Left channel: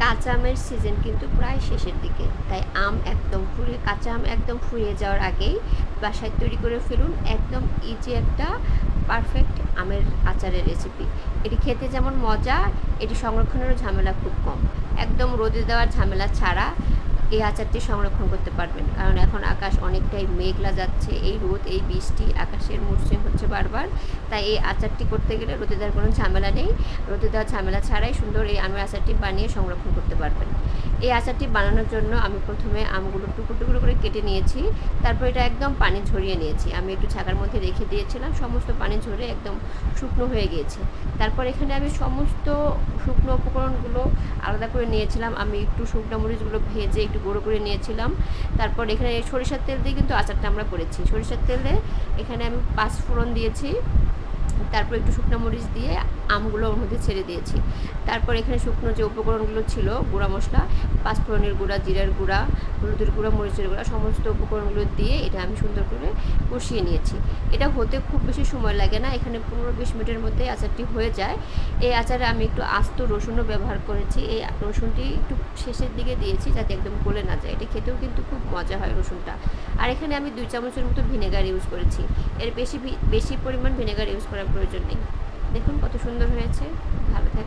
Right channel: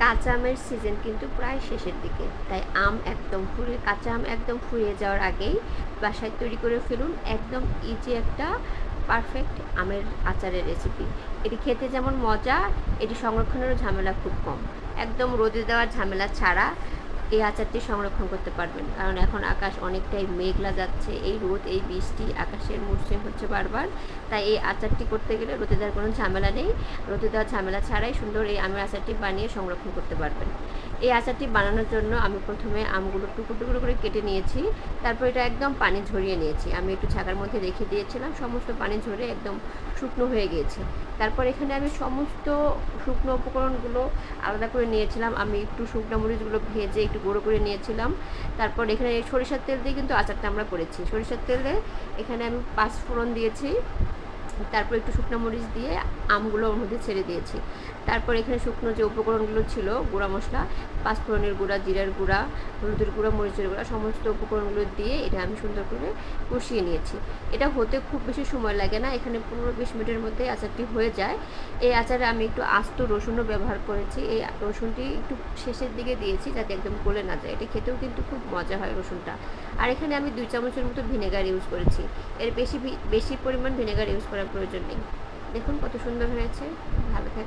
কাঁচা আমের সিজন কিন্তু প্রায় শেষের দিকে, তাই কাঁচা আম একদম ফুরিয়ে যাওয়ার আগেই বাসায় তৈরি করে ফেলুন একদম ইজি একটা পারফেক্ট আমের আচারের রেসিপি। এটি খেতে যেমন মজা, এটি সংরক্ষণেরও ঝামেলা খুব কম। একদম রোদে দেওয়ার ঝামেলা ছাড়া এই আচারটি সংরক্ষণ করতে পারবেন, কারণ এখন আকাশ অনেকটাই মেঘলা যাচ্ছে, এই রোদ এই বৃষ্টি আকাশের মসৃণ হচ্ছে বারবার। তাই এই আচারটি করতে গেলে রোদে দেওয়ার কোনো ঝামেলা নেই, রোদে দেওয়ার ঝামেলা ছাড়াই সুন্দর এই আমের আচারটি বানিয়ে সংরক্ষণ করতে পারবেন। এই আচারটি বানানোর জন্য আমি প্রথমে আমগুলো টুকরো টুকরো করে কেটে নিয়েছি, তারপর এটা একদম পানি ঝরিয়ে নিয়েছি। আমি একটু ছাকার মধ্যে রেখে দিয়েছিলাম, সমস্ত পানি ঝরে একদম শুকনো হয়ে গিয়েছে। তারপর এখানে আমি সমস্ত শুকনো উপকরণগুলো আলাদা করে নিয়েছিলাম। আমি একটু শুকনো মরিচগুলো ভেজে একটু গুঁড়ো করে নিয়েছিলাম। তারপর এখানে সরিষার তেল দিয়ে কিন্তু আচারটা আমরা করেছি। সরিষার তেলে এখানে আমি 5 ফোড়ন দিয়েছি, তারপর একটু শুকনো মরিচ দিয়ে আমগুলো ওর মধ্যে ছেড়ে দিয়েছি। তারপর এখানে শুকনো যে উপকরণগুলো ছিল, গুঁড়া মশলা, পাঁচফোড়নের গুঁড়া, জিরার গুঁড়া, হলুদের গুঁড়া, মরিচের গুঁড়া, সমস্ত উপকরণগুলো দিয়ে এটা আমি সুন্দর করে কষিয়ে নিয়েছি। এটা হতে খুব বেশি সময় লাগে না, এখানে 15-20 মিনিটের মধ্যে আচারটি হয়ে যায়। এই আচারে আমি একটু আস্ত রসুনও ব্যবহার করেছি। এই রসুনটি একটু শেষের দিকে দিয়েছি যাতে একদম গলে না যায়, এটা খেতেও কিন্তু খুব মজা হয় রসুনটা। আর এখানে আমি 2 চামচের মতো ভিনেগার ইউজ করেছি, এর বেশি পরিমাণ ভিনেগার ইউজ করার প্রয়োজন নেই। দেখুন কত সুন্দর হয়েছে। ভালো থাকবে।